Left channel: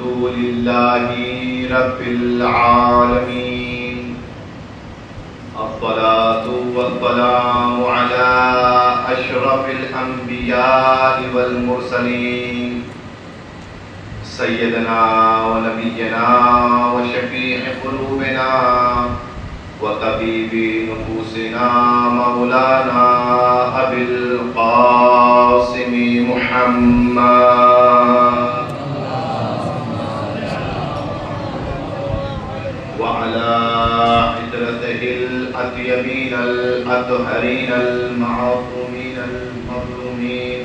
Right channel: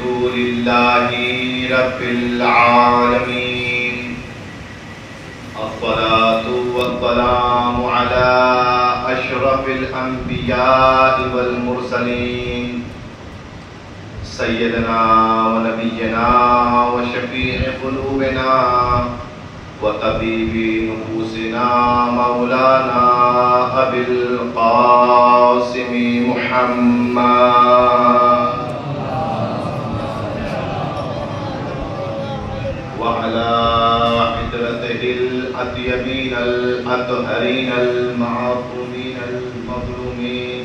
الحمد لله رب العالمين الصلاة والسلام على أشرف الأنبياء والمرسلين سيدنا ونبينا وشفيع قلوبنا وطبيب نفوسنا مولانا أبي القاسم محمد وعلى عترته الأطيبين الأطهرين المعصومين المظلومين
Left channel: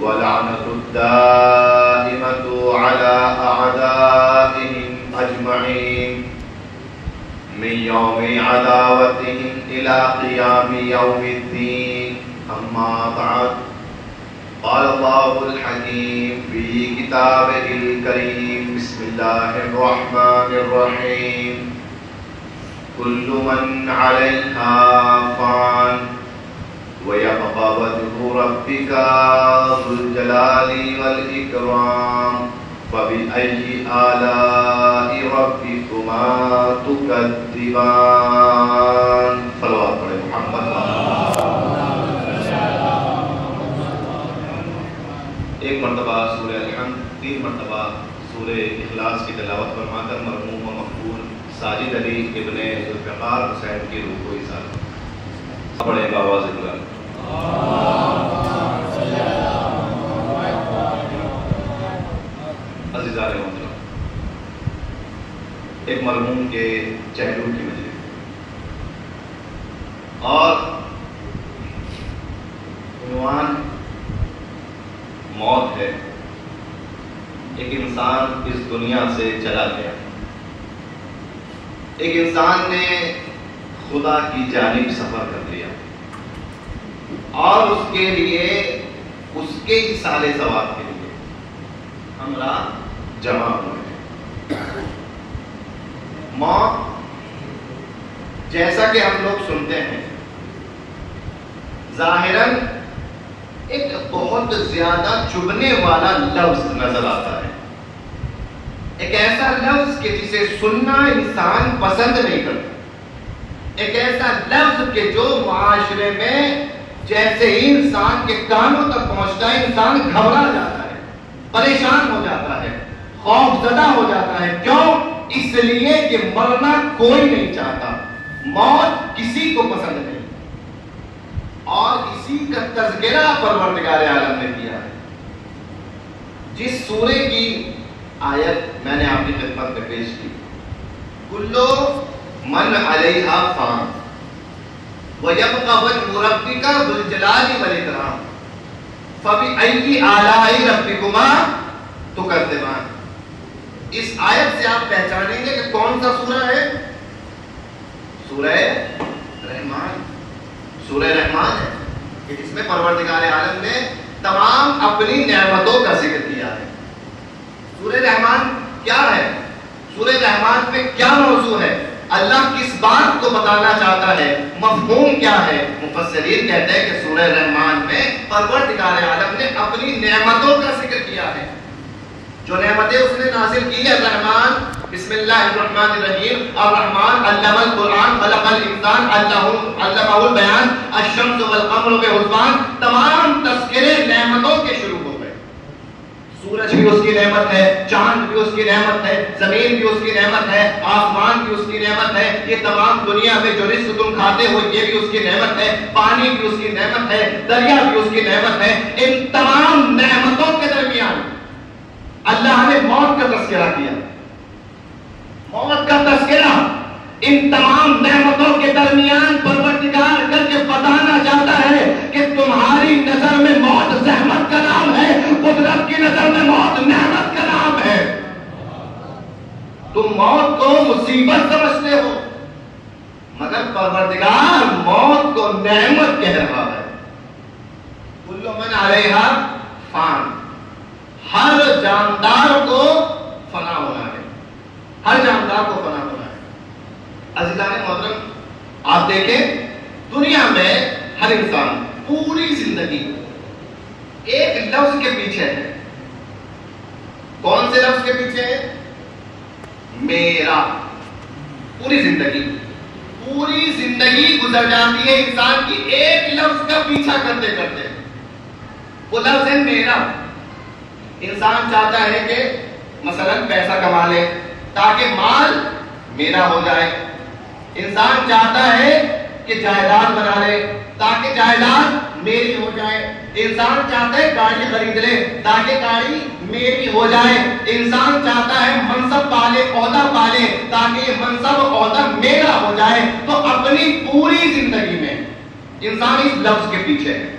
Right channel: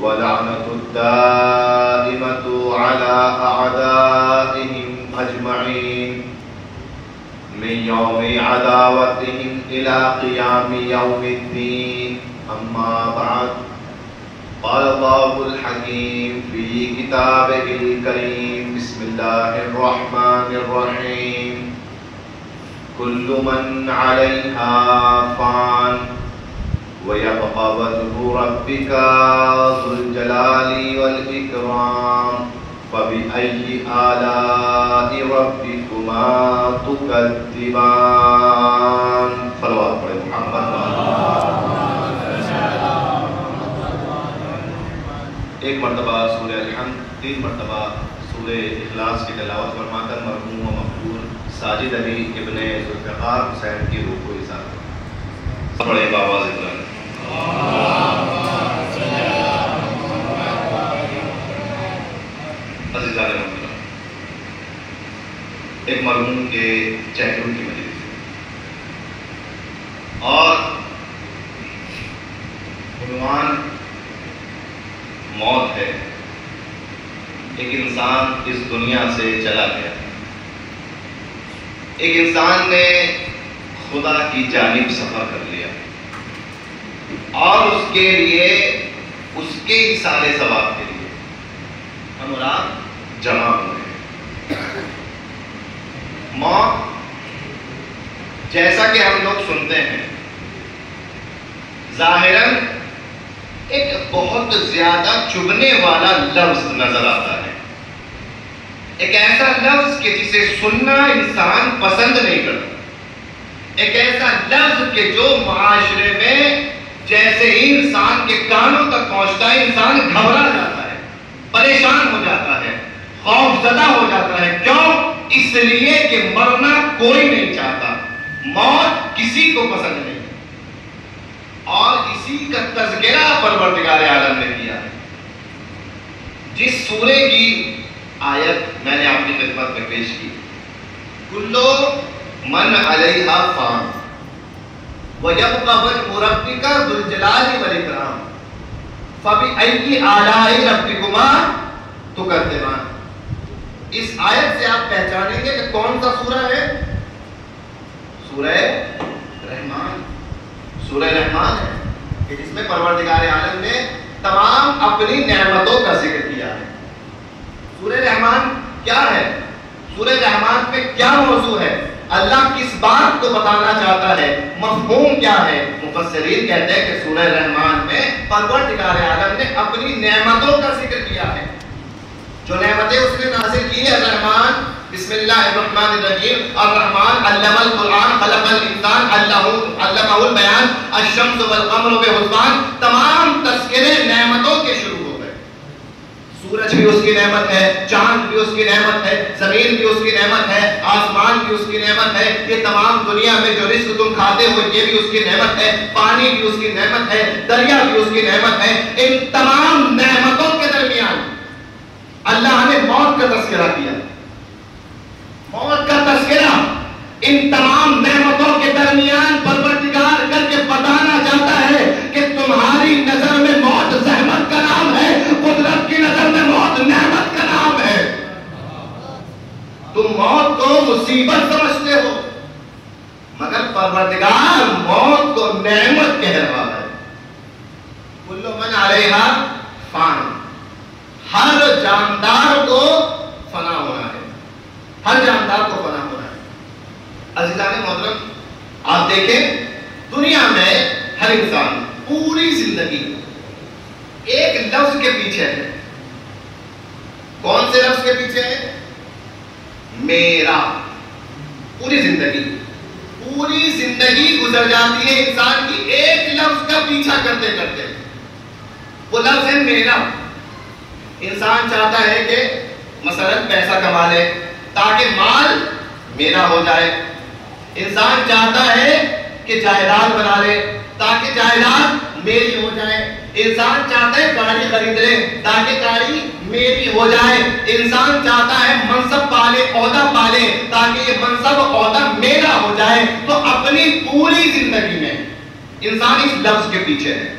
ولعنة الدائمة على أعدائهم أجمعين من يوم عداوتهم إلى قيام يوم الدين أما بعد قال الله الحكيم في كتابه الكريم بسم الله الرحمن الرحيم كل من عليها فان ويبقى وجه ربك ذو الجلال والإكرام فبأي آلاء ربكما تكذبان صلوات محمد. ایک مرتبہ سورہ الحمد، 3 مرتبہ سورہ اخلاص کی تلاوت فرما کر مرحوم و مقبول ساجد علی ابن ذوالفقار حسین کی روح کو اظہار پڑھیں بآواز بلند. ایک مرحوم کے چہروں کی وجہ اور عنوان موت ہے. ایک انسان اس دنیا سے چلا گیا. ایک انسان نے خدا کی جانب سفر کر لیا اور اس کے لیے اس کے سارے ثواب کے لیے امراض جمع ہوئے. موت جیسا کہ ہم لوگ سنتے ہیں ظاہراً ایک بہت زیادہ چبھنے والا لفظ نظر آتا ہے. ایک ایسا لفظ کہ جسے سننا انسان پسند نہیں کرتا. ایک ایسا لفظ کہ جو معاشرے میں جیسے ہی انسان کے کانوں تک پہنچتا ہے انسان گھبرا جاتا ہے، پریشان ہو جاتا ہے، خوف زدہ ہو جاتا ہے. کیوں؟ اس لیے کہ مرنا کوئی نہیں چاہتا، موت کسی کو پسند نہیں. اور اسی کا تذکرہ پروردگار عالم نے کیا ہے. جس سورے کی آیت میں نے آپ کی خدمت میں پیش کی، کلو من علیہا فان وَيَبْقَى وَجْهُ رَبِّكَ ذُو الْجَلَالِ وَالْإِكْرَامِ فَبِأَيِّ آلَاءِ رَبِّكُمَا تُكَذِّبَانِ. اس آیت سے آپ پہچانیں گے کہ کون سا سورہ ہے؟ سورہ رحمان. سورہ رحمان ہے کہ جس میں پروردگار عالم نے تمام اپنی نعمتوں کا ذکر کیا ہے. سورہ رحمان کیا ہے؟ سورہ رحمان میں کیا موضوع ہے؟ اللہ کس بات کو بتانا چاہتا ہے؟ مفہوم کیا ہے؟ مفسرین کہتے ہیں کہ سورہ رحمان میں پروردگار عالم نے اپنی نعمتوں کا ذکر کیا ہے. جو نعمتیں اس نے حاصل کی ہے. الرحمن بسم اللہ الرحمن الرحیم. الرحمن علم القرآن خلق الانسان علمہ البیان الشمس والقمر بحسبان. تمام تذکرے نعمتوں کے شروع ہو گئے. سورج بھی اس کی نعمت ہے، چاند بھی اس کی نعمت ہے، زمین بھی اس کی نعمت ہے، آسمان بھی اس کی نعمت ہے. یہ تمام دنیا میں جو رزق تم کھاتے ہو یہ بھی اس کی نعمت ہے، پانی بھی اس کی نعمت ہے، دریا بھی اس کی نعمت ہے. ان تمام نعمتوں کے درمیان اللہ نے موت کا تذکرہ کیا. موت کا تذکرہ ان تمام نعمتوں کے درمیان پروردگار کر کے بتانا چاہتا ہے کہ تمہاری نظر میں موت زحمت کا نام ہے، قدرت کی نظر میں موت نعمت کا نام ہے. تم موت کو مصیبت سمجھتے ہو مگر پروردگار موت کو نعمت کہہ رہا ہے. کل من علیہا فان. ہر جاندار کو فنا ہونا ہے. ہر جاندار کو فنا ہونا ہے. عزیزان محترم آپ دیکھیں دنیا میں ہر انسان پوری زندگی ایک لفظ کے پیچھے ہے. کون سے لفظ کے پیچھے ہے؟ میرا. پوری زندگی گزر جاتی ہے انسان کی ایک لفظ کا پیچھا کرتے کرتے. وہ لفظ ہے میرا. انسان چاہتا ہے کہ مثلا پیسہ کما لے تاکہ مال میرا ہو جائے. انسان چاہتا ہے کہ جائیداد بنا لے تاکہ جائیداد میری ہو جائے. انسان چاہتا ہے گاڑی خرید لے تاکہ گاڑی میری ہو جائے. انسان چاہتا ہے منصب پالے عہدہ پالے تاکہ یہ منصب عہدہ میرا ہو جائے. تو اپنی پوری زندگی میں انسان اس لفظ کے پیچھے ہے.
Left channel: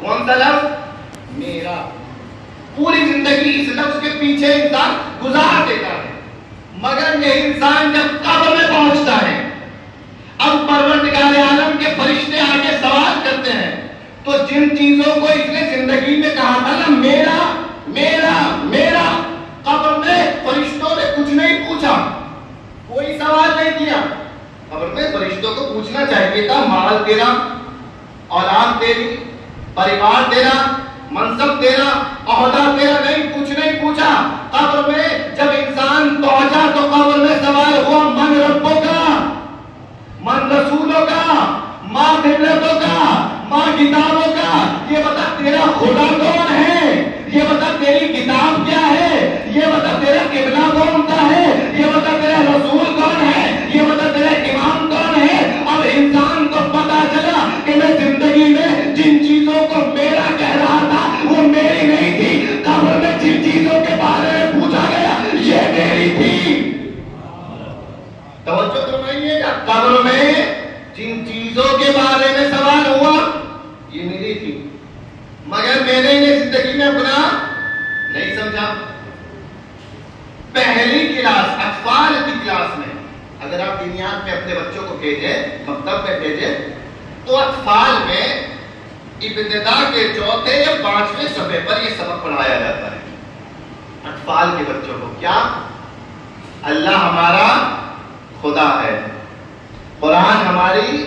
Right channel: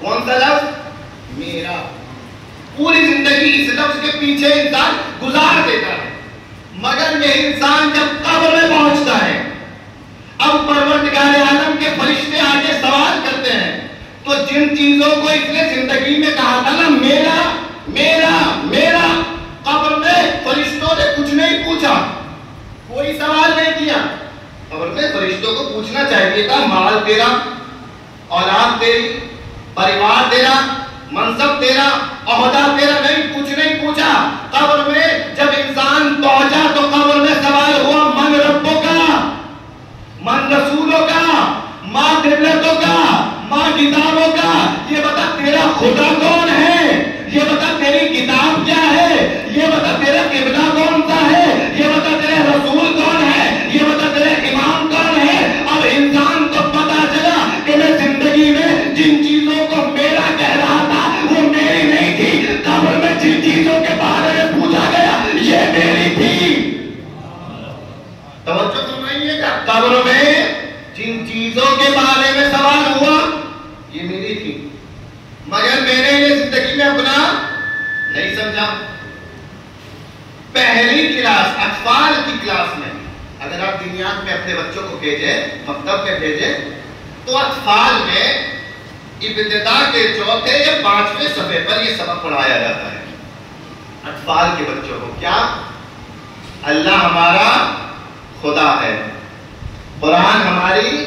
کون سا لفظ؟ میرا. پوری زندگی اس لفظ کے پیچھے انسان گزار دیتا ہے. مگر یہ انسان جب قبر میں پہنچتا ہے، اب پروردگار عالم کے فرشتے آگے سوال کرتے ہیں، تو جن چیزوں کو اس نے زندگی میں کہا تھا نا میرا میرا میرا، قبر میں فرشتوں نے کچھ نہیں پوچھا، کوئی سوال نہیں کیا. قبر میں فرشتوں کو پوچھنا چاہیے تھا مال تیرا، اولاد تیری، پریوار تیرا، منصب تیرا، عہدہ تیرا. نہیں، کچھ نہیں پوچھا. قبر میں جب انسان پہنچا تو قبر میں سوال ہوا من ربوں کا، من رسولوں کا، ماں قبلتوں کا، ماں کتابوں کا. یہ بتا تیرا خدا کون ہے، یہ بتا تیری کتاب کیا ہے، یہ بتا تیرا قبلہ کون سا ہے، یہ بتا تیرا رسول کون ہے، یہ بتا تیرا امام کون ہے. اب انسان کو پتا چلا کہ میں زندگی میں جن چیزوں کو میرا کہہ رہا تھا وہ میری نہیں تھی. قبر میں جن چیزوں کے بارے میں پوچھا گیا یہ میری تھی. توجہ تو نہیں ہے کیا؟ قبر میں جن چیزوں کے بارے میں سوال ہوا یہ میری تھی، مگر میں نے یہ زندگی میں اپنا نہیں سمجھا. پہلی کلاس اطفال کی کلاس میں اگر آپ دنیات میں اپنے بچوں کو بھیجیں، مکتب میں بھیجیں، تو اطفال میں ابتدا کے 4 یا 5ویں صفحے پر یہ سبق پڑھایا جاتا ہے. اطفال کے بچوں کو کیا؟ اللہ ہمارا خدا ہے، قرآن ہماری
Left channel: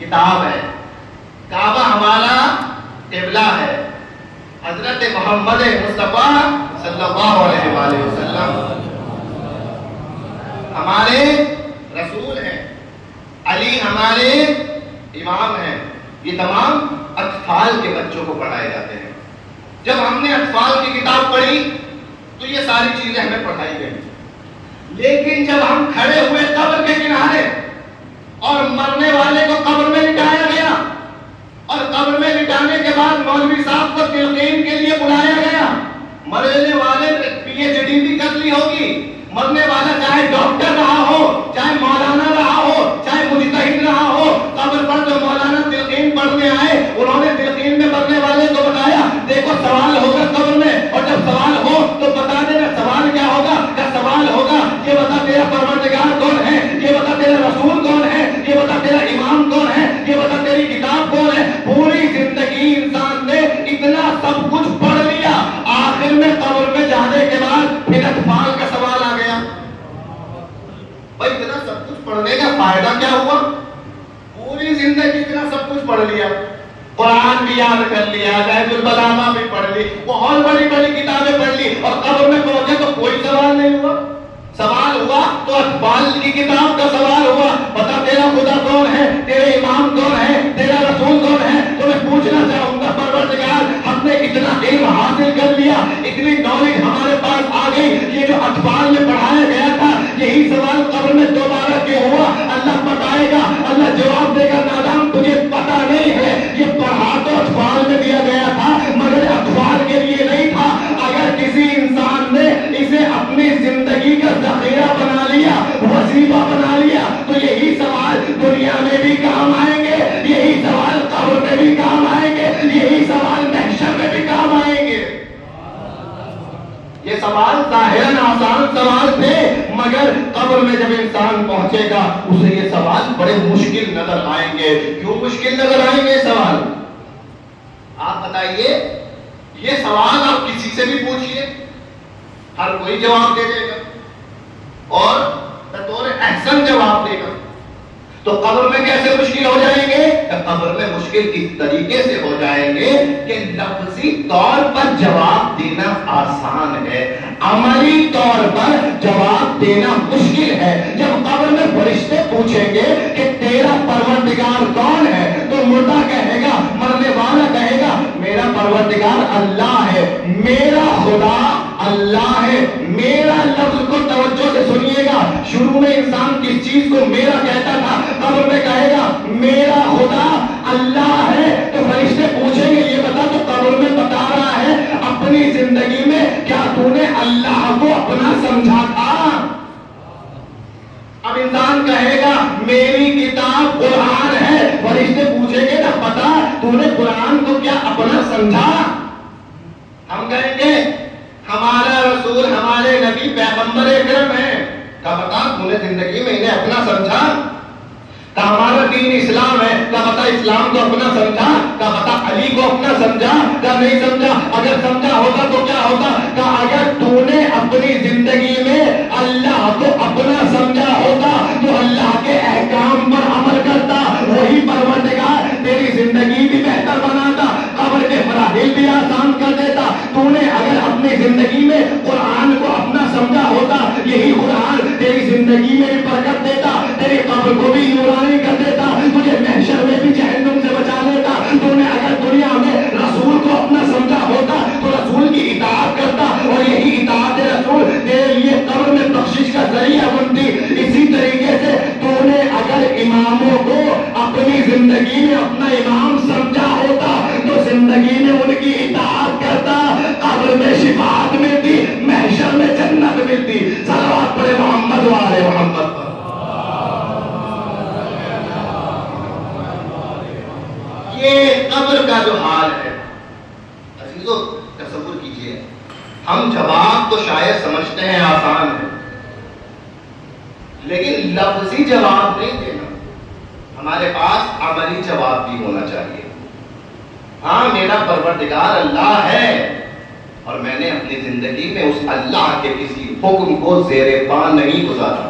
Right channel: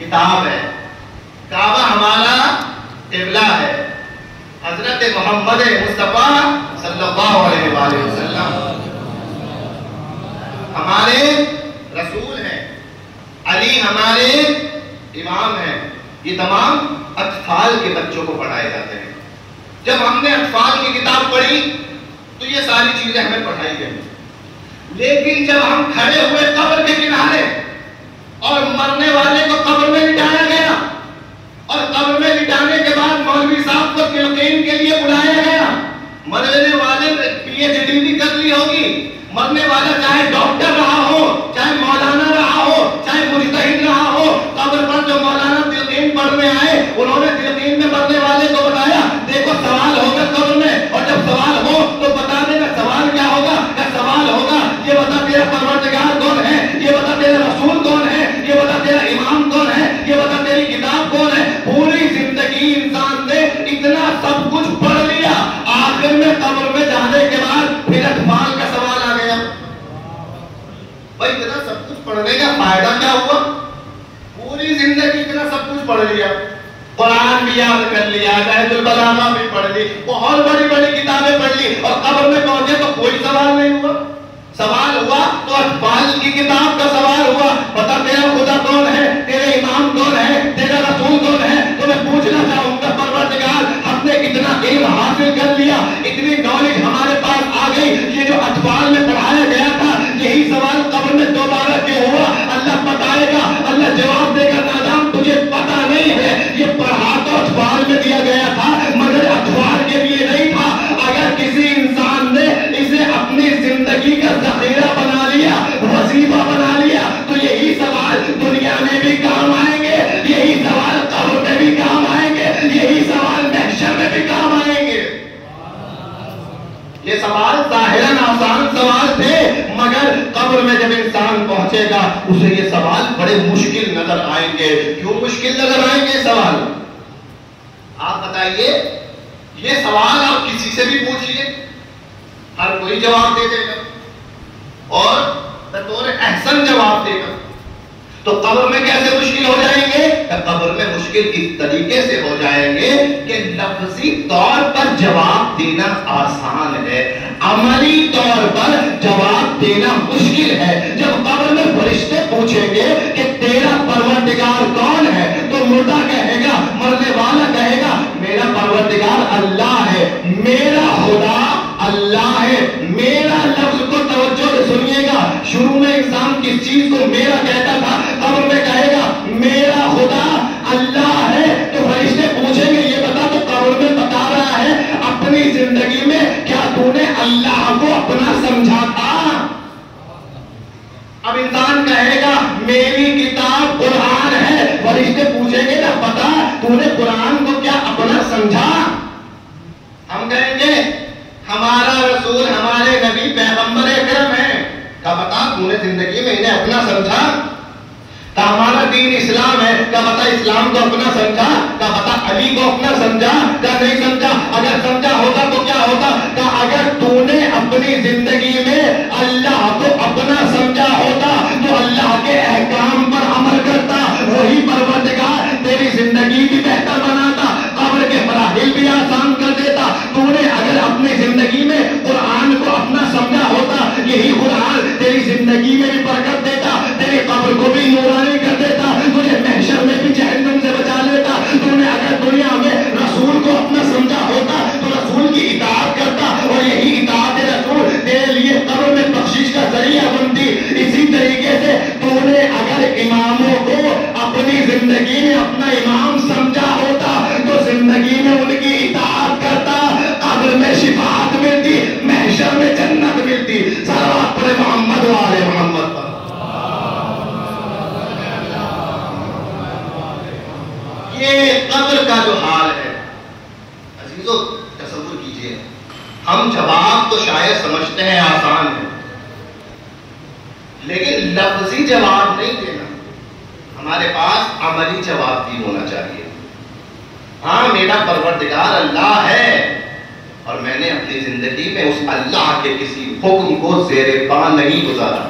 کتاب ہے، کعبہ ہمارا قبلہ ہے، حضرت محمد مصطفیٰ صلی اللہ علیہ وآلہ وسلم ہمارے رسول ہیں، علی ہمارے امام ہیں. یہ تمام اطفال کے بچوں کو پڑھائے جاتے ہیں. جب ہم نے اطفال کی کتاب پڑھی تو یہ ساری چیزیں ہمیں پڑھائی گئی. لیکن جب ہم کھڑے ہوئے قبر کے کنارے اور مرنے والے کو قبر میں لٹایا گیا اور قبر میں لٹانے کے بعد مولوی صاحب کو تلقین کے لیے بلایا گیا، مرنے والے نے PhD بھی کر لی ہوگی، مرنے والا چاہے ڈاکٹر رہا ہو، چاہے مولانا رہا ہو، چاہے مجتہد رہا ہو، قبر پر جو مولانا تلقین پڑھنے آئے انہوں نے تلقین میں مرنے والے کو بتایا دیکھو سوال ہوگا قبر میں، اور جب سوال ہو تو بتا دینا سوال کیا ہوگا. کیا سوال ہوگا یہ بتا تیرا پروردگار کون ہے، یہ بتا تیرا رسول کون ہے، یہ بتا تیرا امام کون ہے، یہ بتا تیری کتاب کون ہے. پوری زندگی انسان نے اتنا سب کچھ پڑھ لیا، آخر میں قبر میں جانے کے بعد پھر اطفال کا سوال آ گیا. بھائی اتنا سب کچھ پڑھنے کا فائدہ کیا ہوا؟ پوری زندگی اتنا سب کچھ پڑھ لیا، قرآن بھی یاد کر لیا، نہج البلاغہ بھی پڑھ لی، بہت بڑی بڑی کتابیں پڑھ لی، اور قبر میں پہنچے تو کوئی سوال نہیں ہوا. سوال ہوا تو اطفال کی کتاب کا سوال ہوا، بتا تیرا خدا کون ہے، تیرے امام کون ہے، تیرا رسول کون ہے. تو میں پوچھنا چاہوں گا پروردگار ہم نے اتنا علم حاصل کر لیا، اتنی نالج ہمارے پاس آ گئی، یہ جو اطفال میں پڑھایا گیا تھا یہی سوال قبر میں دوبارہ کیوں ہوا؟ اللہ بتائے گا، اللہ جواب دے گا نادان تجھے پتا نہیں ہے، یہ پڑھا تو اطفال میں دیا گیا تھا مگر اطفال کے لیے نہیں تھا. اگر کسی انسان نے اسے اپنی زندگی کا ذخیرہ بنا لیا، وظیفہ بنا لیا، تو یہی سوال دنیا میں بھی کام آئیں گے، یہی سوال قبر میں بھی کام آئیں گے، یہی سوال محشر میں بھی کام آئیں گے. یہ سوال ظاہراً آسان سوال تھے، مگر قبر میں جب انسان پہنچے گا اسے یہ سوال بڑے مشکل نظر آئیں گے. کیوں مشکل نظر آئیں گے سوال؟ آپ بتائیے، یہ سوال آپ کسی سے بھی پوچھیے ہر کوئی جواب دے دے گا اور بطور احسن جواب دے گا. تو قبر میں کیسے مشکل ہو جائیں گے؟ قبر میں مشکل اس طریقے سے ہو جائیں گے کہ لفظی طور پر جواب دینا آسان ہے، عملی طور پر جواب دینا مشکل ہے۔ جب قبر میں فرشتے پوچھیں گے کہ تیرا پروردگار کون ہے، تو مردہ کہے گا، مرنے والا کہے گا میرا پروردگار اللہ ہے، میرا خدا اللہ ہے۔ میرا لفظ کو توجہ سے سنیے گا، شروع میں انسان کس چیز کو میرا کہتا تھا، قبر میں کہے گا میرا خدا اللہ ہے۔ تو فرشتے پوچھیں گے یہ بتا، تو قبر میں بتا رہا ہے اپنی زندگی میں کیا تو نے اللہ کو اپنا سمجھا تھا؟ اب انسان کہے گا میری کتاب قرآن ہے، فرشتے پوچھیں گے نا بتا تو نے قرآن کو کیا اپنا سمجھا؟ ہم کہیں گے ہمارا رسول ہمارے نبی پیغمبر اکرم ہے، کیا بتا تو نے زندگی میں انہیں اپنا سمجھا؟ کیا ہمارا دین اسلام ہے، کیا بتا اسلام کو اپنا سمجھا؟ کیا بتا علی کو اپنا سمجھا؟ کیا نہیں سمجھا؟ اگر سمجھا ہوتا تو کیا ہوتا؟ کیا اگر تو نے اپنی زندگی میں اللہ کو اپنا سمجھا ہوتا تو اللہ کے احکام پر عمل کرتا، وہی پروردگار تیری زندگی بھی بہتر بناتا، قبر کے مراحل بھی آسان کر دیتا۔ تو نے اگر اپنی زندگی میں قرآن کو اپنا سمجھا ہوتا، یہی قرآن تیری زندگی میں بھی برکت دیتا، تیری قبر کو بھی نورانی کر دیتا، تجھے محشر میں بھی جہنم سے بچا لیتا۔ تو نے اگر دنیا میں رسول کو اپنا سمجھا ہوتا تو رسول کی اطاعت کرتا، اور یہی اطاعت رسول تیرے لیے قبر میں بخشش کا ذریعہ بنتی۔ اسی طریقے سے تو نے اگر اماموں کو اپنی زندگی میں اپنا امام سمجھا ہوتا تو زندگی میں ان کی اطاعت کرتا، قبر میں شفاعت ملتی، محشر میں جنت ملتی۔ صلوات پڑھے محمد و آل محمد پر۔ یہ قبر کا جو حال ہے عزیزو، تصور کیجئے، ہم جواب تو شاید سمجھتے ہیں آسان ہے، لیکن لفظی جواب نہیں دینا، ہمارے پاس عملی جواب بھی ہونا چاہیے۔ ہاں میرا پروردگار اللہ ہے، اور میں نے اپنی زندگی میں اس اللہ کے کسی حکم کو زیر پا نہیں گزارا،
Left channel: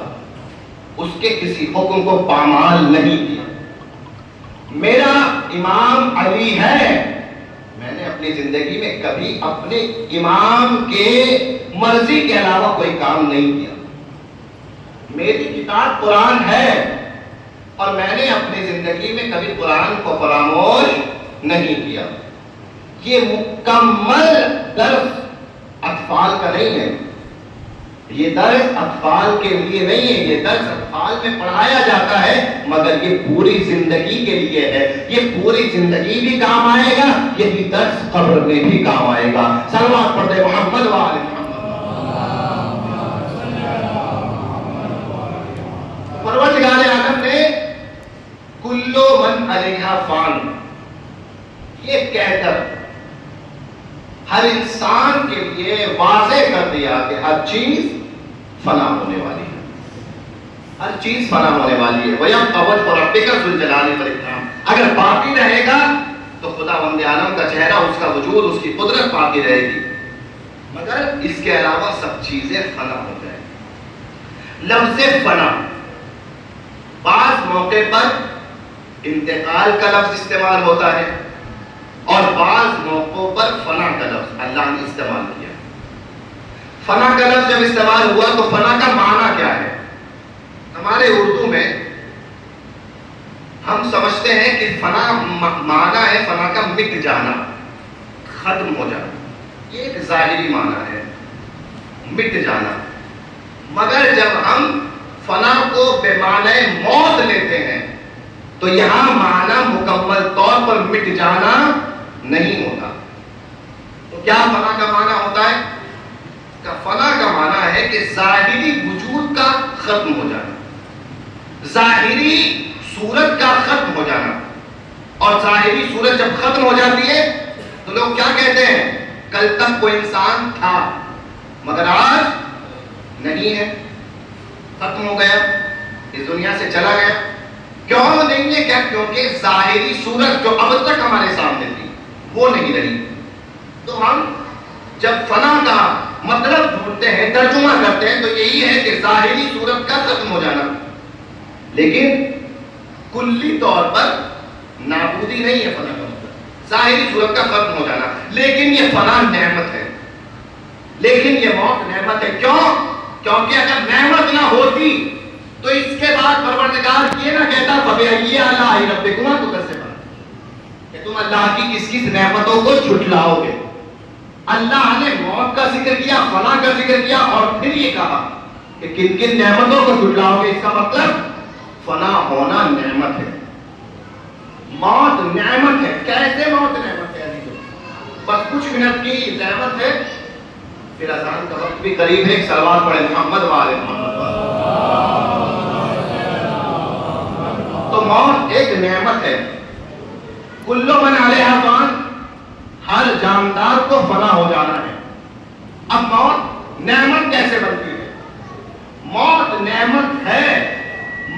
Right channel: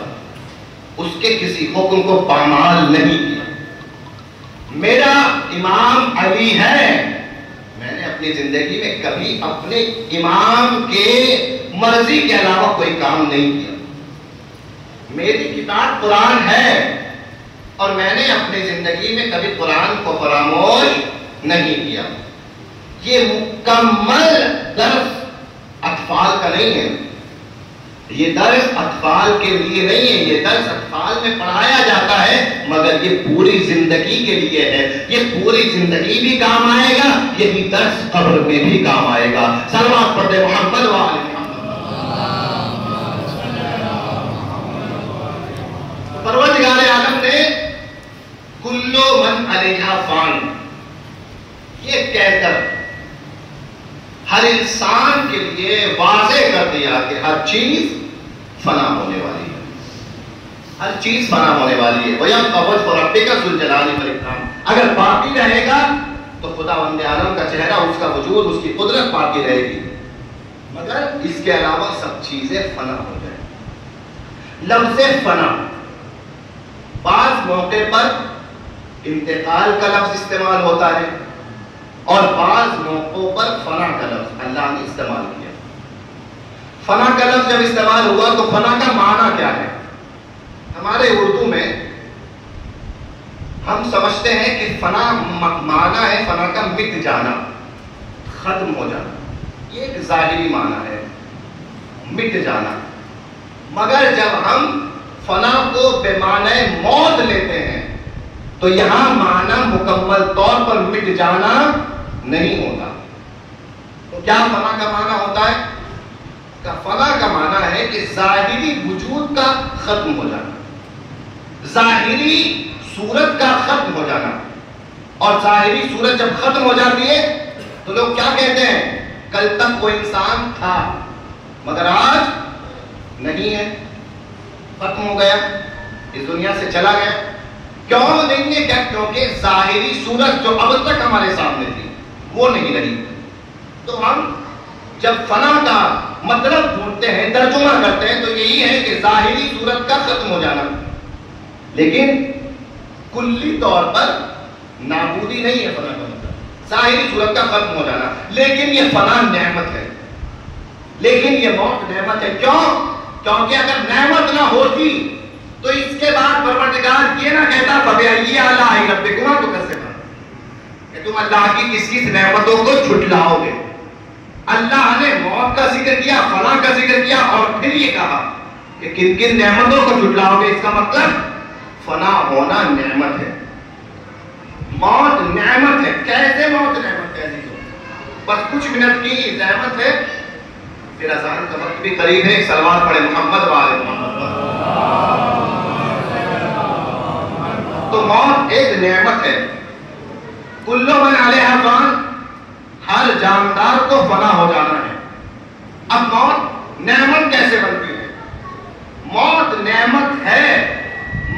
اس کے کسی حکم کو پامال نہیں کیا۔ میرا امام علی ہے، میں نے اپنی زندگی میں کبھی اپنے امام کے مرضی کے علاوہ کوئی کام نہیں کیا۔ میری کتاب قرآن ہے، اور میں نے اپنی زندگی میں کبھی قرآن کو فراموش نہیں کیا۔ یہ مکمل درس اطفال کا نہیں ہے، یہ درس اطفال کے لیے نہیں ہے، یہ درس اطفال میں پڑھایا جاتا ہے، مگر یہ پوری زندگی کے لیے ہے۔ یہ پوری زندگی بھی کام آئے گا، یہی درس قبر میں بھی کام آئے گا۔ صلوات پڑھے محمد و آل محمد۔ پروردگار عالم نے کلو من علیہا فان یہ کہہ کر ہر انسان کے لیے واضح کر دیا کہ ہر چیز فنا ہونے والی ہے، ہر چیز فنا ہونے والی ہے۔ وَيَبْقَى وَجْهُ رَبِّكَ ذُو الْجَلَالِ وَالْإِكْرَامِ، اگر باقی رہے گا تو خداوند عالم کا چہرہ، اس کا وجود، اس کی قدرت باقی رہے گی، مگر اس کے علاوہ سب چیزیں فنا ہو جائیں۔ لفظ فنا بعض موقع پر انتقال کا لفظ استعمال ہوتا ہے، اور بعض موقعوں پر فنا کا لفظ اللہ نے استعمال کیا۔ فنا کا لفظ جب استعمال ہوا تو فنا کا معنی کیا ہے؟ ہمارے اردو میں ہم سمجھتے ہیں کہ فنا معنی ہے فنا کا مٹ جانا، ختم ہو جانا، یہ ایک ظاہری معنی ہے، مٹ جانا۔ مگر جب ہم فنا کو بے معنی موت لیتے ہیں تو یہاں معنی مکمل طور پر مٹ جانا نہیں ہوگا۔ تو کیا فنا کا معنی ہوتا ہے؟ فنا کا معنی ہے کہ ظاہری وجود کا ختم ہو جانا، ظاہری صورت کا ختم ہو جانا۔ اور ظاہری صورت جب ختم ہو جاتی ہے تو لوگ کیا کہتے ہیں؟ کل تک کوئی انسان تھا مگر آج نہیں ہے، ختم ہو گیا، اس دنیا سے چلا گیا۔ کیوں نہیں ہے؟ کیا؟ کیونکہ ظاہری صورت جو اب تک ہمارے سامنے تھی وہ نہیں رہی۔ تو ہم جب فنا کا مطلب ڈھونڈتے ہیں، ترجمہ کرتے ہیں، تو یہی ہے کہ ظاہری صورت کا ختم ہو جانا، لیکن کلی طور پر نابودی نہیں ہے فنا کا مطلب، ظاہری صورت کا ختم ہو جانا۔ لیکن یہ فنا نعمت لیکن یہ موت نعمت ہے. کیوں؟ کیونکہ اگر نعمت نہ ہوتی تو اس کے بعد پروردگار یہ نہ کہتا فَبِأَيِّ آلَاءِ رَبِّكُمَا تُكَذِّبَانِ کہ تم اللہ کی کس کس نعمتوں کو جھٹلاؤ گے. اللہ نے موت کا ذکر کیا، فنا کا ذکر کیا، اور پھر یہ کہا کہ کن کن نعمتوں کو جھٹلاؤ گے. اس کا مطلب فنا ہونا نعمت ہے، موت نعمت ہے. کیسے موت نعمت ہے؟ بس کچھ منٹ کی نعمت ہے، پھر اذان کا وقت بھی قریب ہے. ایک صلوات پڑھے محمد والے محمد والے. تو موت ایک نعمت ہے. کل من علیہا فان، ہر جاندار کو فنا ہو جانا ہے. اب موت نعمت کیسے بنتی ہے؟ موت نعمت ہے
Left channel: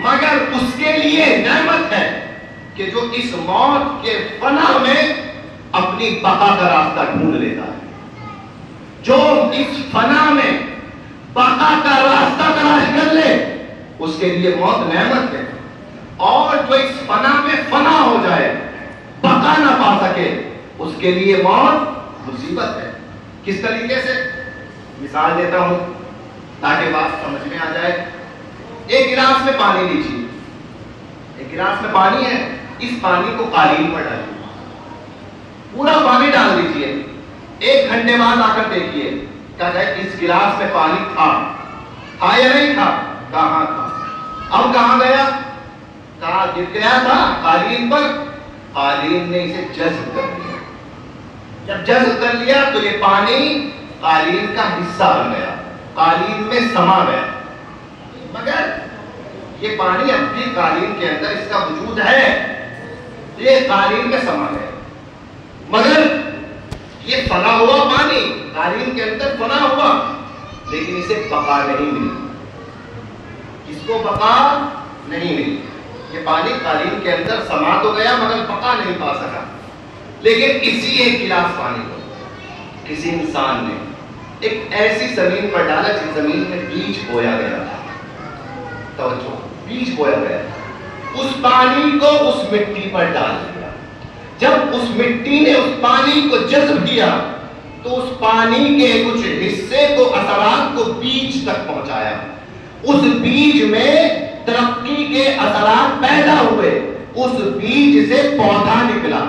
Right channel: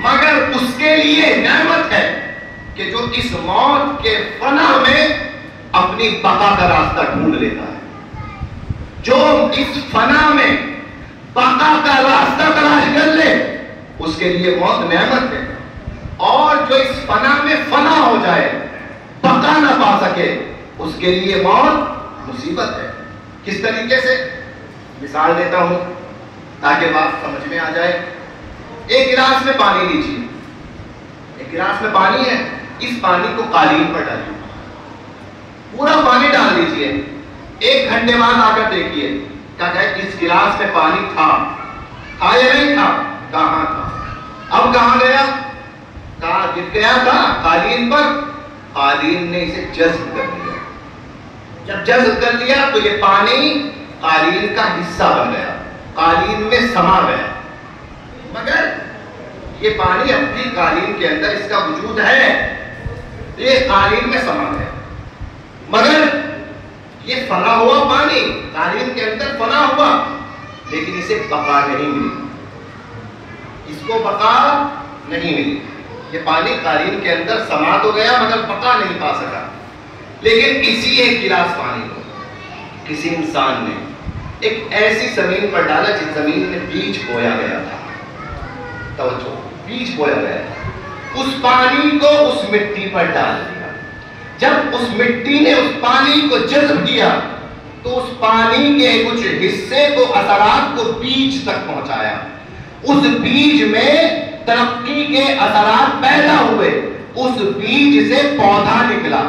مگر اس کے لیے نعمت ہے کہ جو اس موت کے فنا میں اپنی بقا کا راستہ ڈھونڈ لیتا ہے. جو اس فنا میں بقا کا راستہ تلاش کر لے اس کے لیے موت نعمت ہے. اور جو اس فنا میں فنا ہو جائے، بقا نہ پا سکے، اس کے لیے موت مصیبت ہے. کس طریقے سے؟ مثال دیتا ہوں تاکہ بات سمجھ میں آ جائے. ایک گلاس میں پانی لیجیے، ایک گلاس میں پانی ہے، اس پانی کو قالین پر ڈالیے، پورا پانی ڈال دیجیے. 1 گھنٹے بعد آ کر دیکھیے کہتا ہے اس گلاس میں پانی تھا یا نہیں تھا؟ کہاں تھا؟ اب کہاں گیا؟ کہاں گر گیا تھا؟ قالین پر. قالین نے اسے جذب کر لیا. جب جذب کر لیا تو یہ پانی قالین کا حصہ بن گیا، قالین میں سما گیا. مگر یہ پانی اپنی قالین کے اندر اس کا وجود ہے، یہ قالین میں سما گیا. مگر یہ فنا ہوا پانی، قالین کے اندر فنا ہوا، لیکن اسے بقا نہیں ملی. اس کو بقا نہیں ملی. یہ پانی قالین کے اندر سما تو گیا مگر بقا نہیں پا سکا. لیکن اسی ایک گلاس پانی کو کسی انسان نے ایک ایسی زمین پر ڈالا جس زمین میں بیج بویا گیا تھا. توجہ، بیج بویا گیا تھا. اس پانی کو اس مٹی پر ڈال دیا. جب اس مٹی نے اس پانی کو جذب کیا تو اس پانی کے کچھ حصے کو، اثرات کو بیج تک پہنچایا. اس بیج میں ترقی کے اثرات پیدا ہوئے. اس بیج سے پودا نکلا.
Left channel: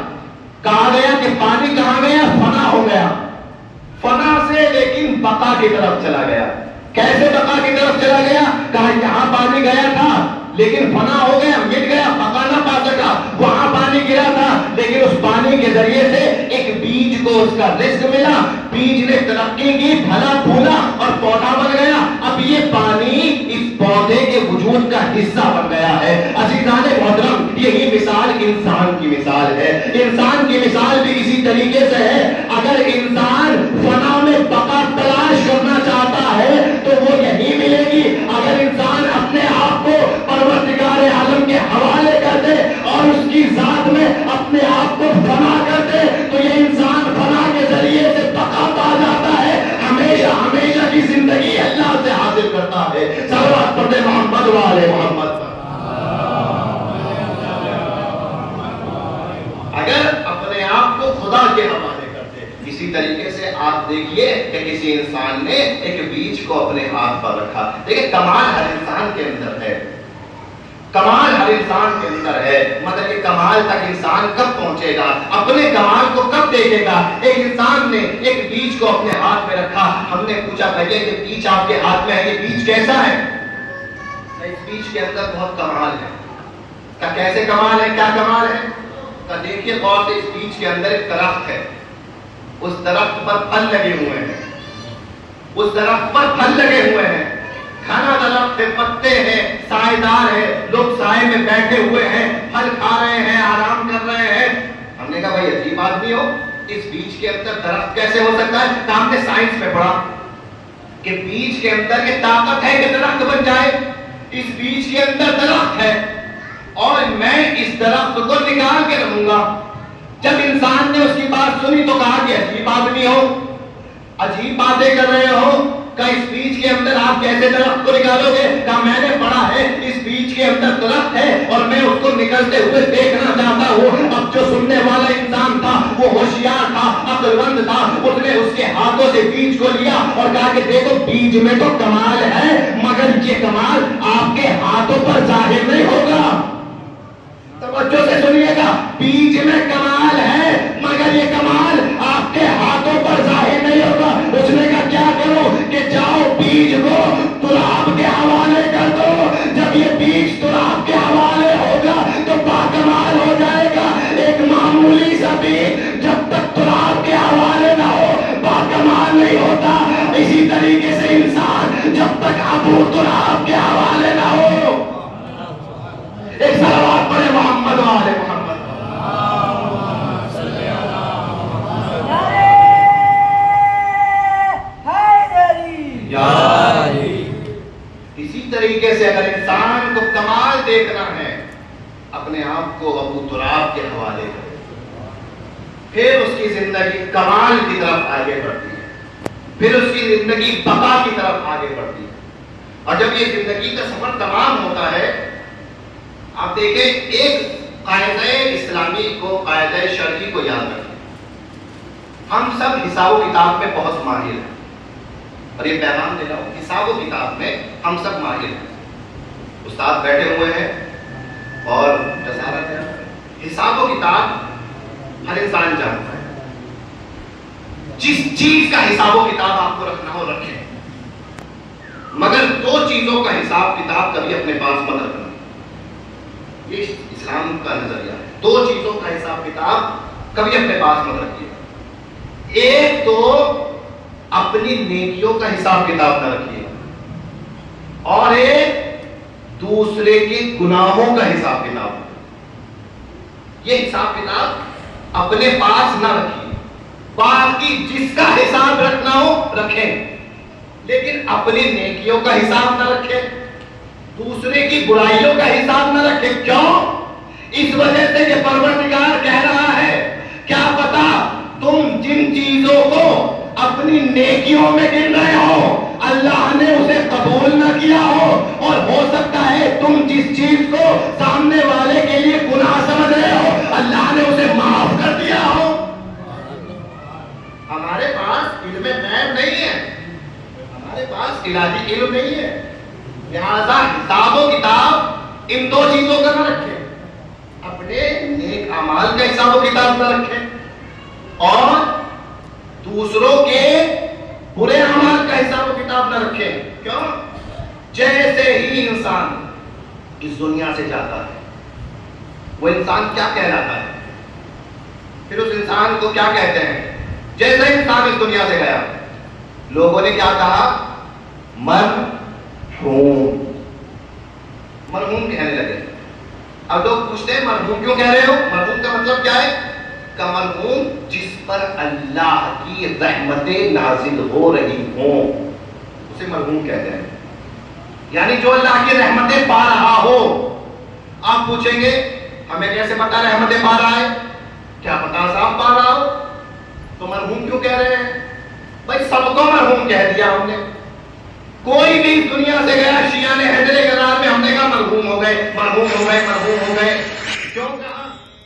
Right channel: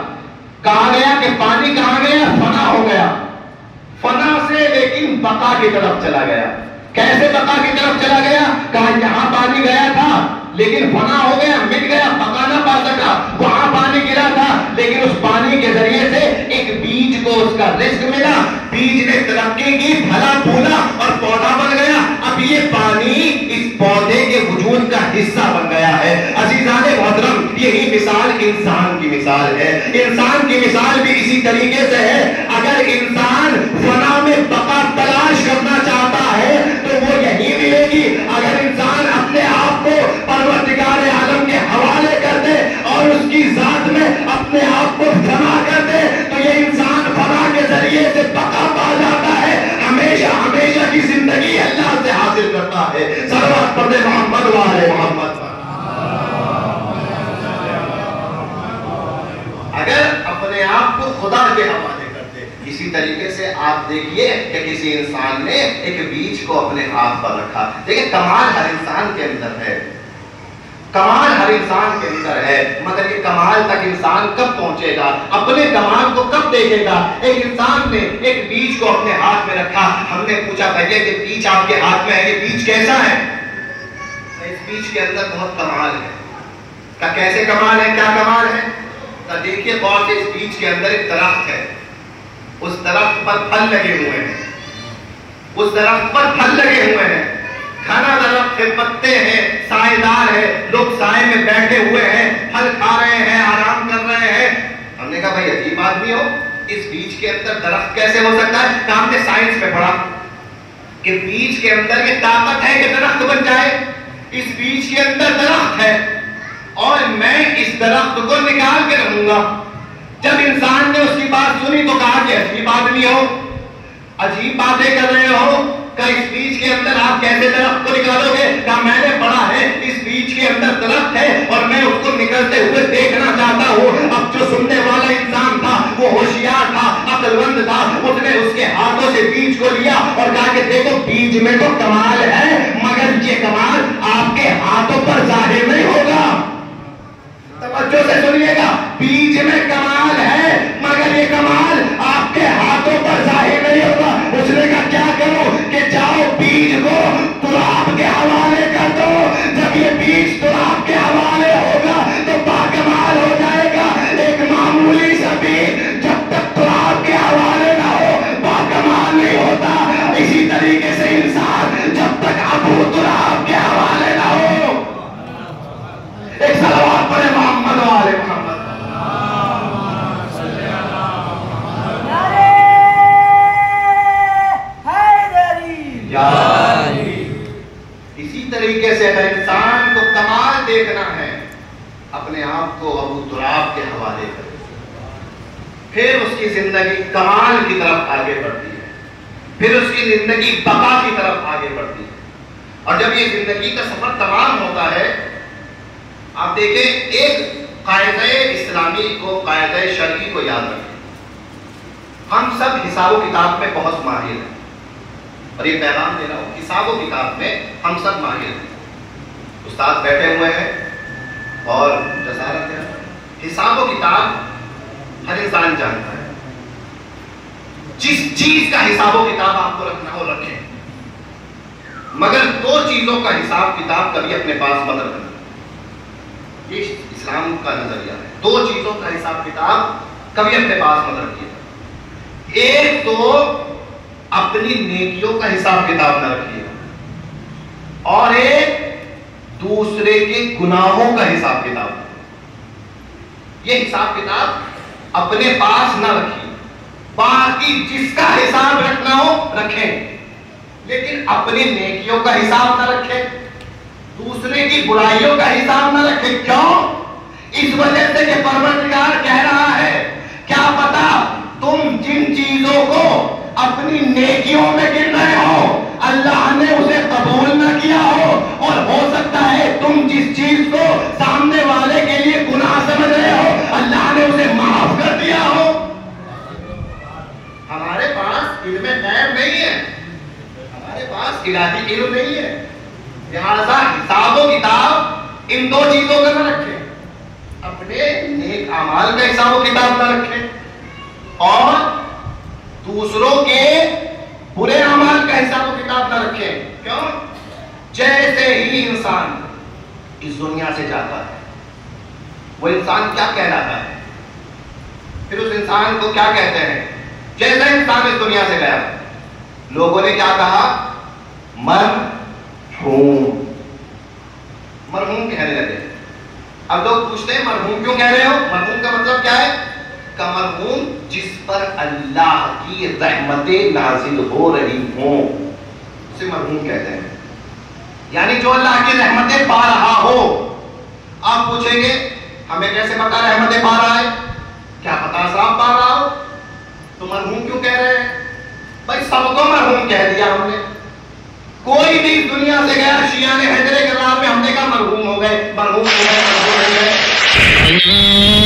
کہا گیا کہ پانی کہاں گیا؟ فنا ہو گیا. فنا سے لیکن بقا کی طرف چلا گیا. کیسے بقا کی طرف چلا گیا؟ کہا یہاں پانی گیا تھا لیکن فنا ہو گیا، مٹ گیا، بقا نہ پا سکا. وہاں پانی گرا تھا لیکن اس پانی کے ذریعے سے ایک بیج کو اس کا رزق ملا. بیج نے ترقی کی، پھلا پھولا اور پودا بن گیا. اب یہ پانی اس پودے کے وجود کا حصہ بن گیا ہے. عزیزان محترم، یہی مثال انسان کی مثال ہے. انسان کی مثال بھی اسی طریقے سے ہے. اگر انسان فنا میں بقا تلاش کرنا چاہتا ہے تو وہ یہی ملے گی. اگر انسان اپنے آپ کو پروردگار عالم کے حوالے کر دے اور اس کی ذات میں اپنے آپ کو فنا کر دے تو یہ انسان فنا کے ذریعے سے بقا پا جاتا ہے. ہمیشہ ہمیشہ کی زندگی اللہ سے حاصل کرتا ہے. صلوات پڑھتے محمد والے محمد پر. اگر اپنے آپ کو خدا کے حوالے کرتے، اسی طریقے سے آپ دیکھیے کہ کسی انسان نے ایک بیج کو اپنے ہاتھ پر رکھا. دیکھیں کمال ہر انسان کے اندر ہے، کمال ہر انسان کے اندر ہے، مگر یہ کمال تک انسان کب پہنچے گا؟ اپنے کمال کو کب دیکھے گا؟ ایک انسان نے ایک بیج کو اپنے ہاتھ میں رکھا. ہم نے پوچھا بھائی کہ بیج آپ کے ہاتھ میں ہے، یہ بیج کیسا ہے؟ اس بیج کے اندر بہت کمال ہے. کیسے کمال ہے؟ کیا کمال ہے؟ دیکھیے غور سے، اس بیج کے اندر ایک درخت ہے، اس درخت پر پھل لگے ہوئے ہیں، اس درخت پر پھل لگے ہوئے ہیں. کھانا درخت ہے، پتے ہیں، سائے دار ہے، لوگ سائے میں بیٹھے ہوئے ہیں، پھل کھا رہے ہیں، آرام کر رہے ہیں. ہم نے کہا بھائی عجیب آدمی ہو، اس بیج کے اندر درخت کیسے ہو سکتا ہے؟ کہ ہم نے سائنس میں پڑھا کہ بیج کے اندر یہ طاقت ہے کہ درخت بن جائے. اس بیج کے اندر درخت ہے اور میں اس درخت کو نکال کے رہوں گا. جب انسان نے اس کی بات سنی تو کہا کہ عجیب آدمی ہو، عجیب باتیں کر رہے ہو، کہ اس بیج کے اندر آپ کیسے درخت کو نکالو گے؟ کہ میں نے پڑھا ہے اس بیج کے اندر درخت ہے اور میں اس کو نکلتے ہوئے دیکھنا چاہتا ہوں. اب جو سننے والا انسان تھا وہ ہوشیار تھا، عقل مند تھا، اس نے اس کے ہاتھوں سے بیج کو لیا اور کہا کہ دیکھو بیج میں تو کمال ہے مگر یہ کمال آپ کے ہاتھوں پر ظاہر نہیں ہوگا. توجہ سے سنیے گا, بیج میں کمال ہے مگر یہ کمال آپ کے ہاتھوں پر ظاہر نہیں ہوگا. اس نے کہا کیا کرو کہ جاؤ بیج کو تراب کے حوالے کر دو. جب یہ بیج تراب کے حوالے ہوگا تو باکمال ہو جائے گا. ایک معمولی سا بیج جب تک تراب کے حوالے نہ ہو باکمال نہیں ہوتا. اسی طریقے سے انسان جب تک ابو تراب کے حوالے نہ ہو. ایک صلوات پڑھے محمد و آل محمد. اسی طریقے سے اگر انسان کو کمال دیکھنا ہے اپنے آپ کو ابو تراب کے حوالے کرے, پھر اس کی زندگی کمال کی طرف آگے بڑھتی ہے, پھر اس کی زندگی بقا کی طرف آگے بڑھتی ہے. اور جب یہ زندگی کا سفر تمام ہوتا ہے, آپ دیکھیں ایک قاعدہ اسلامی کو, قاعدہ شرعی کو یاد رکھیں. ہم سب حساب و کتاب میں بہت ماہر ہیں, اور یہ پیغام دے رہا ہوں, حساب و کتاب میں ہم سب ماہر ہیں. استاد بیٹھے ہوئے ہیں اور جزارت ہے. حساب و کتاب ہر انسان جانتا ہے. جس چیز کا حساب و کتاب آپ کو رکھنا ہو رکھیں, مگر دو چیزوں کا حساب کتاب کبھی اپنے پاس مت رکھنا. یہ اسلام کا نظریہ ہے. دو چیزوں کا حساب کتاب کبھی اپنے پاس مت رکھیے. ایک تو اپنی نیکیوں کا حساب کتاب نہ رکھیے, اور ایک دوسرے کے گناہوں کا حساب کتاب. یہ حساب کتاب اپنے پاس نہ رکھیے. باقی جس کا حساب رکھنا ہو رکھیں, لیکن اپنی نیکیوں کا حساب نہ رکھیں, دوسرے کی برائیوں کا حساب نہ رکھیں. کیوں؟ اس وجہ سے کہ پروردگار کہہ رہا ہے کیا پتا تم جن چیزوں کو اپنی نیکیوں میں گن رہے ہو اللہ نے اسے قبول نہ کیا ہو, اور ہو سکتا ہے تم جس چیز کو سامنے والے کے لیے گناہ سمجھ رہے ہو اللہ نے اسے معاف کر دیا ہو. ہمارے پاس علم غیب نہیں ہے, ہمارے پاس الہی علم نہیں ہے. لہذا حساب و کتاب ان دو چیزوں کا نہ رکھیں, اپنے نیک اعمال کا حساب و کتاب نہ رکھیں, اور دوسروں کے برے اعمال کا حساب و کتاب نہ رکھیں. کیوں؟ جیسے ہی انسان اس دنیا سے جاتا ہے وہ انسان کیا کہلاتا ہے؟ پھر اس انسان کو کیا کہتے ہیں؟ جیسے انسان اس دنیا سے گیا لوگوں نے کیا کہا؟ مرحوم. مرحوم کہنے لگے. اب لوگ پوچھتے ہیں مرحوم کیوں کہہ رہے ہو؟ مرحوم کا مطلب کیا ہے؟ کہ مرحوم جس پر اللہ کی رحمتیں نازل ہو رہی ہوں اسے مرحوم کہتے ہیں. یعنی جو اللہ کی رحمتیں پا رہا ہو. آپ پوچھیں گے ہمیں کیسے پتا رحمتیں پا رہا ہے؟ کیا پتا صاحب پا رہا ہو تو مرحوم کیوں کہہ رہے ہیں؟ بھائی سب کو مرحوم کہہ دیا ہم نے. کوئی بھی اس دنیا سے گیا شیعہ نے حیدر کرار میں ہم نے کہا مرحوم ہو گئے, مرحوم ہو گئے, مرحوم ہو گئے.